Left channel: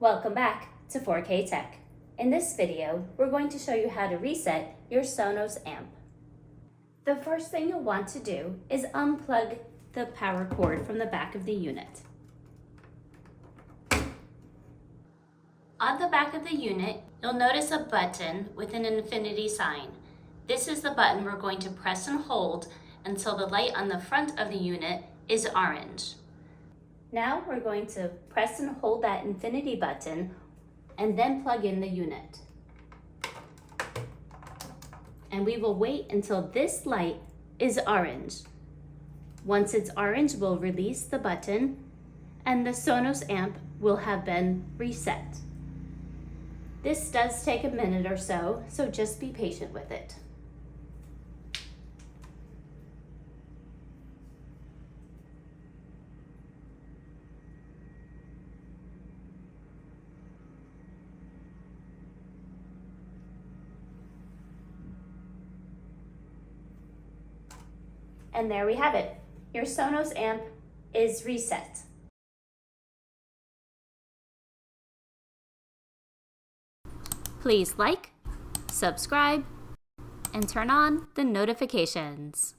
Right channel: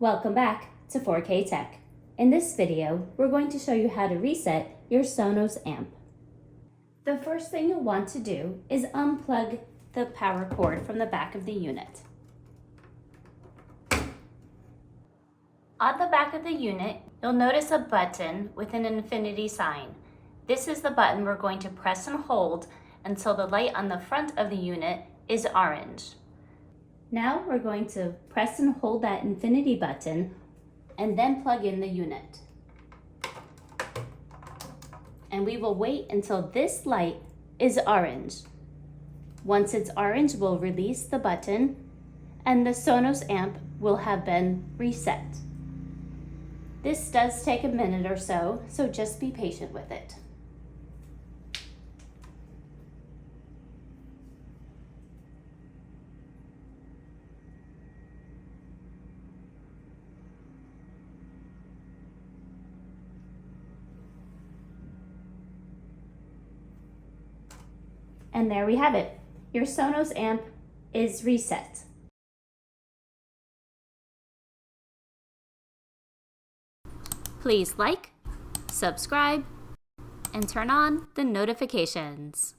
Welcome back to 4K Tech. In this video, we're going to show you how to reset your Sonos amp. The first thing you'll want to do is unplug the power cord from the back of the unit. On the back of the unit, you'll notice a button with an infinity sign. This is the button we're going to press and hold until the light on the front of the unit is orange. Now we're going to press and hold that infinity button and then plug in the unit. And we will wait until this light is orange. Once it's orange, we'll release the button and the Sonos amp will have been reset. This does take a minute or so just be patient with it. And there we have it. Your Sonos amp is reset. Please like, subscribe, and turn on the notifications.